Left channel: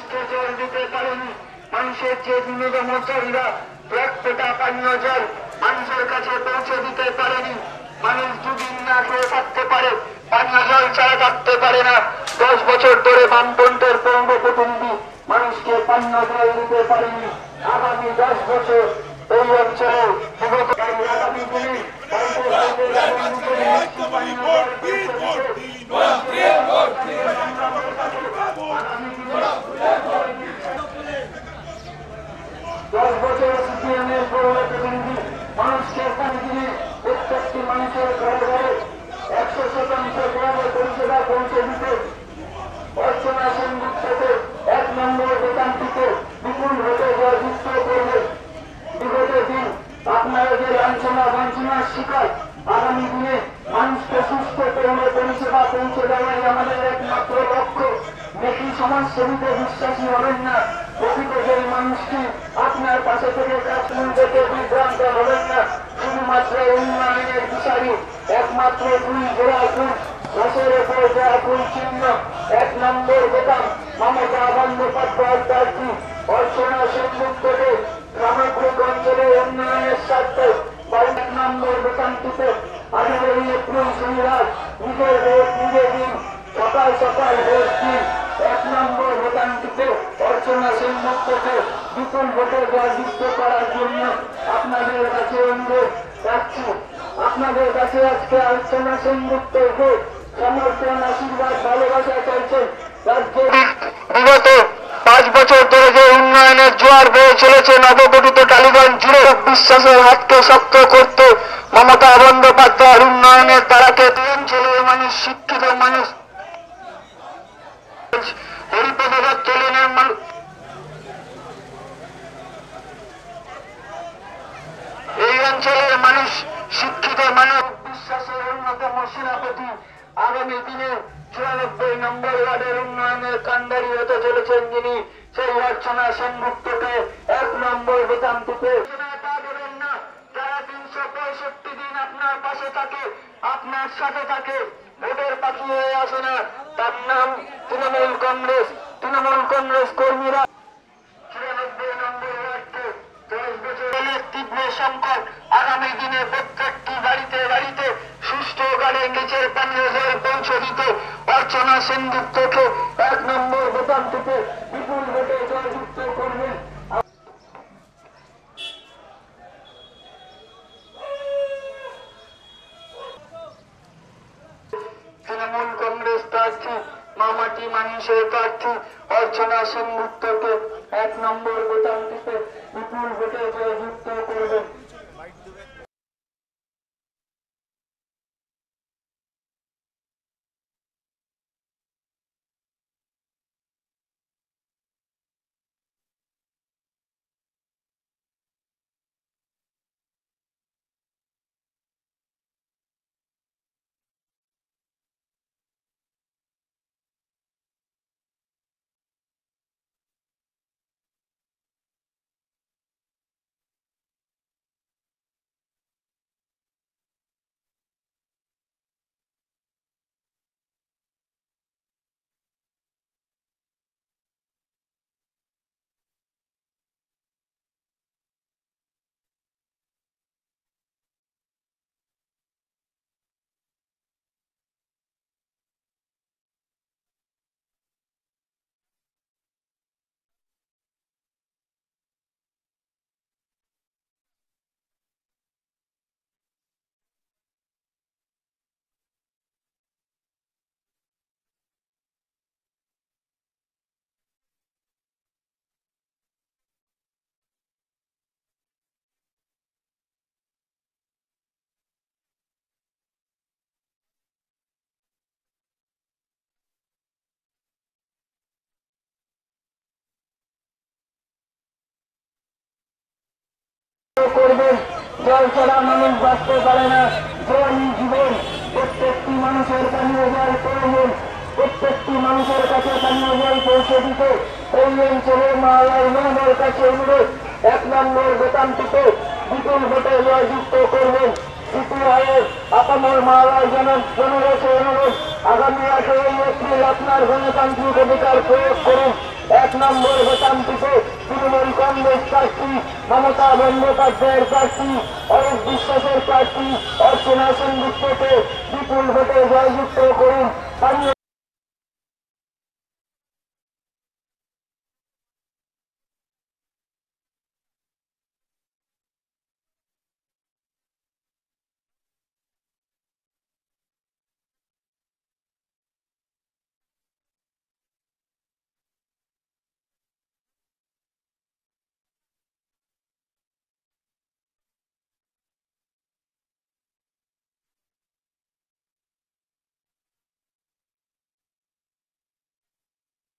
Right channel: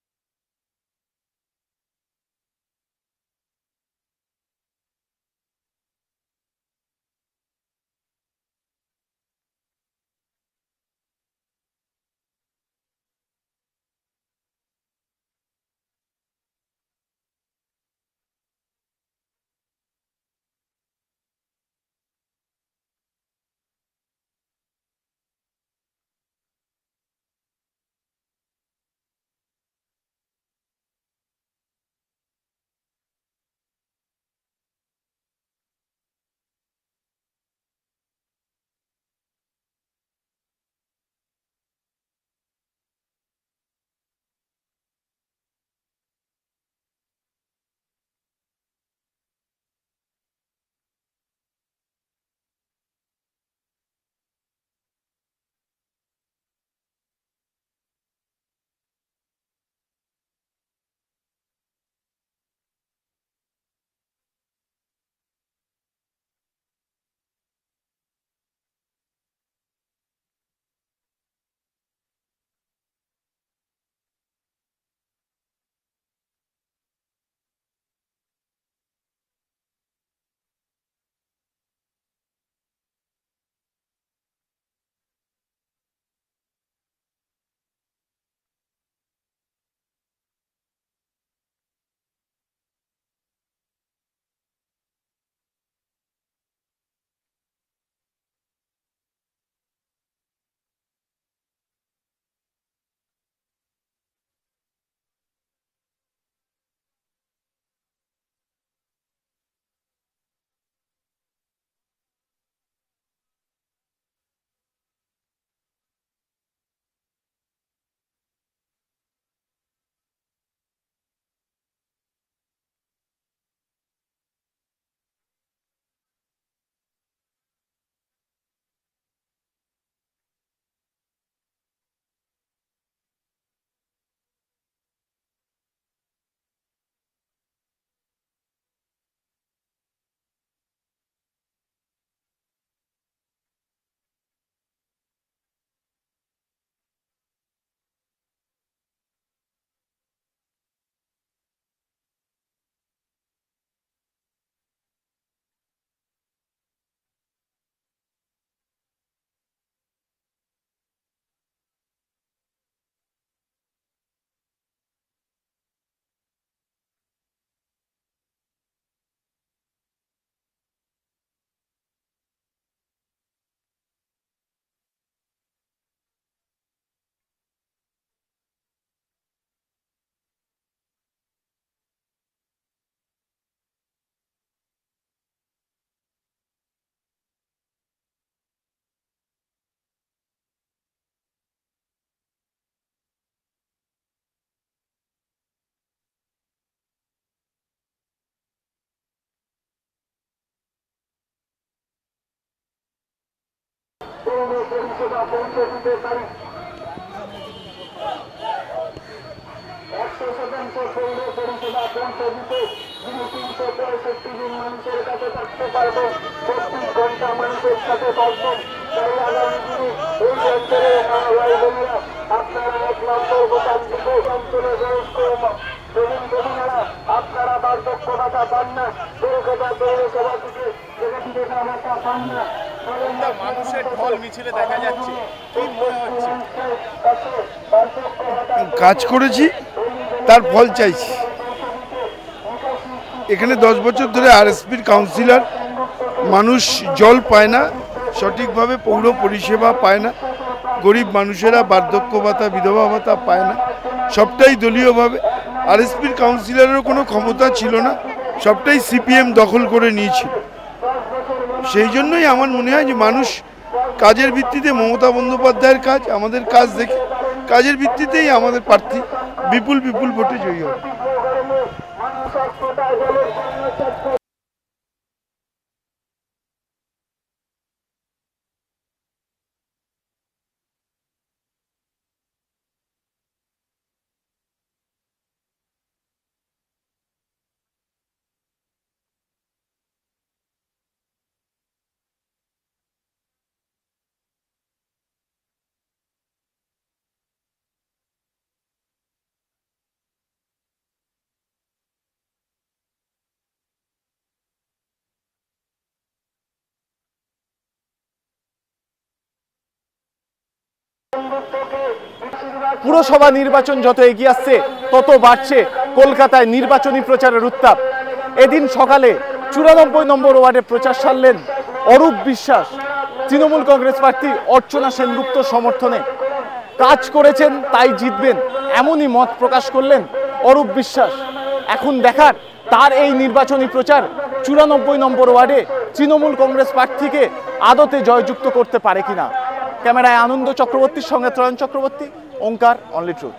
মানুষকে জল দিতে পারেনি। মানুষের যে বিনোদনকারীরা এক ফোঁটা পানীয় জল মানুষের কাছে পৌঁছে দিতে পারেনি। মানুষ দুদিন না খেয়ে থাকতে পারে, পানীয় জল ছাড়া থাকতে পারে না। 10 বছর ধরে বামপন্থের পৌর প্রতিনিধি মানুষকে পানীয় জল দিতে পারেনি। আগামী 10 বছর এই অঞ্চলে আগামী দিনে 10 বছর সিপিএমের পৌর প্রতিনিধি মানুষকে দিনে প্রত্যেকটি মানুষের ঘরে ঘরে 100% গ্রামে পরিষেবা পৌঁছে দিতে অর্চনা সেনগুপ্তকে 1 নম্বর বেতনটিতে বিপুল ভোটে জয়যুক্ত করবে। বিগত দিন আপনারা যে লাঞ্ছনা বঞ্চনার শিকার, আগামী দিনে মানুষকে সুস্থ পৌর পরিষেবা পৌঁছে দেওয়াই আমাদের একমাত্র লক্ষ্য। বেশি সমাজসেবীতে বিশ্বাসী হবেন না। প্রকৃত যে মানুষটি আপনার পাশে থেকে কাজ করতে বিভ্রান্ত হবেন না। শুধুমাত্র উন্নয়নের বিচারী একমাত্র 2 জোড়া ফুল রসের ওপর দেওয়া ফুল চিহ্ন 1 নম্বর বেতন মমতা বন্দ্যোপাধ্যায় প্রার্থী অর্চনা সেনগুপ্তকে সমগ্র অঞ্চলে উন্নয়নের স্বার্থে 1 নম্বর বেতনটিতে 18 এপ্রিল শনিবার নিজের ভোট নিজে দিন, সকাল সকাল ভোট দিন। 1 নম্বর বেতনটিতে অর্চনা সেনগুপ্তকে বিপুল ভোটে জয়যুক্ত করার জন্য আপনাদের কাছে অনুরোধ রাখছি। আপনাদের কাছে আজকে অর্চনা সেনগুপ্তকে সমর্থন, আশীর্বাদ, ভালোবাসা চাইছেন। রাজ্যে বিগত 5 বছর ধরে যে উন্নয়নের জোয়ার বয়ে চলেছে নবগঠিত টালিগঞ্জ জুড়ে, বিশ্বাসের হাতকে শক্ত করতে মমতা বন্দ্যোপাধ্যায়ের উন্নয়নের তারাকে অঞ্চলের মানুষ, শিক্ষিত মানুষ, হরিপদ দত্ত লেনের মানুষ, এই অঞ্চলের মানুষ, শিক্ষিত মানুষ বিশ্বাসের অন্যতম সেনাপতি আগামী দিনে 94 নম্বর ওয়ার্ডের উন্নয়নের কান্ডারি হতে চলেছেন যিনি, সেই অর্চনা সেনগুপ্তকে 1 নম্বর বেতনটিতে দেবেন না। যারা 365 দিন আপনার পাশে থাকে, আপনার সাথে থাকে, ভোটের পাখি হয়ে আসে না, তার নাম তৃণমূল কংগ্রেস। তৃণমূল কংগ্রেস কর্মীরা 94 নম্বর ওয়ার্ডকে 10 বছরের তীব্র সংকট, আগামী দিনে প্রত্যেকটি বাড়িতে বাড়িতে সুষ্ঠু গাড়ে নিচের পানীয় জল পৌঁছে দিতে অর্চনা সেনগুপ্তকে 1 নম্বর বেতনটিতে বিপুল ভোটে জয়যুক্ত করবেন। তৃণমূল কংগ্রেস প্রার্থী, মামাটি মানুষের প্রার্থী অর্চনা সেনগুপ্তকে 1 নম্বর বেতনটিতে বিপুল ভোটে জয়যুক্ত করবেন। পৌর পরিষেবা পৌঁছে দিতে পারি। 100% পৌর পরিষেবা পৌঁছে দিতে যিনি 365 দিন মানুষের কাছে থাকতে পারবেন, 24 ঘন্টা মানুষের সাথে থাকবেন। তাই আগামী দিনে এই অঞ্চলে বোনেরা আপনারা 1 নম্বর বেতনটিতে অঞ্চলে বয়স্ক প্রবীণ প্রবীণেরা আপনারা বার্ধক্য ভাতা পান না, কলকাতা পৌরসভা থেকে ভাতা পান না। মানুষের ঢল মিছিলে দেখা যাচ্ছে, কি মনে হচ্ছে? কাজ করেছি, তার ফল চাইছি। এখানে 10 বছর ধরে আরএসপির কাউন্সিলর, মানুষ জল পায় না, সঠিকভাবে পৌর পরিষেবা পায় না, গরিব মানুষেরা বার্ধক্য ভাতা, বিধবা ভাতা পায় না, সবটাই দলীয়ভাবে। আরএসপির কাউন্সিলরেরও কোনো ক্ষমতা ছিল না, সবটাই সিপিএম দখল করে নিয়েছিল। সেই জন্যই আমার মনে হয় যে মানুষ কাজের ভিত্তিতে, মমতা বন্দ্যোপাধ্যায়ের কাজ, আমাদের কাজ দেখে কাজের ভিত্তিতেই আমাদের প্রার্থী বিপুল ভোটে জয়ী হবে। জল ছাড়া মানুষ বাঁচতে পারে না, জলই জীবন। প্রত্যেকটি মানুষের পানীয় জল প্রয়োজন, প্রত্যেকটি মানুষের কাছে পানীয় জল পৌঁছে দিতে এই অঞ্চলের মায়ের কাছে অনুরোধ। 1 নম্বর বেতনটিতে বিপুল ভোটে জয়যুক্ত করবেন। সিপিআইয়ের আপামর মালায় জনগণের অনুরোধ, আগামী 18 এপ্রিল আপনার গণতান্ত্রিক অধিকার প্রয়োগ করুন। 1 নম্বর ভোটান্তিতে তৃণমূল কংগ্রেস প্রার্থী, মমতা বন্দ্যোপাধ্যায়ের প্রার্থী, অরূপ বিশ্বাসের প্রার্থী অর্চনা সেনগুপ্তকে বিপুল ভোটে জয়যুক্ত করুন। পানিয়নগুপ্তকে পুরসভা নির্বাচন যত এগিয়ে আসছে তত বাড়ছে কলকাতায় নির্বাচনী প্রচারের উত্তাপ। এদিন সকালে 94 নম্বর ওয়ার্ডে প্রচার সারলেন অরূপ বিশ্বাস, তৃণমূল কংগ্রেস প্রার্থী অর্চনা সেনগুপ্ত সমর্থনে। কাজ করেছেন তাই জিতবেন, এমনই মত প্রকাশ করলেন অরূপ বিশ্বাস। এখন দেখার তার এই নির্বাচনী প্রচার 94 নম্বর ওয়ার্ডে তৃণমূল কংগ্রেস প্রার্থীকে আদতে জয়যুক্ত করতে পারে কিনা। ক্যামেরায় আনন্দ চক্রবর্তীর সঙ্গে ত্রয়ন চক্রবর্তী, ওঙ্কার, অনলি ট্রুথ।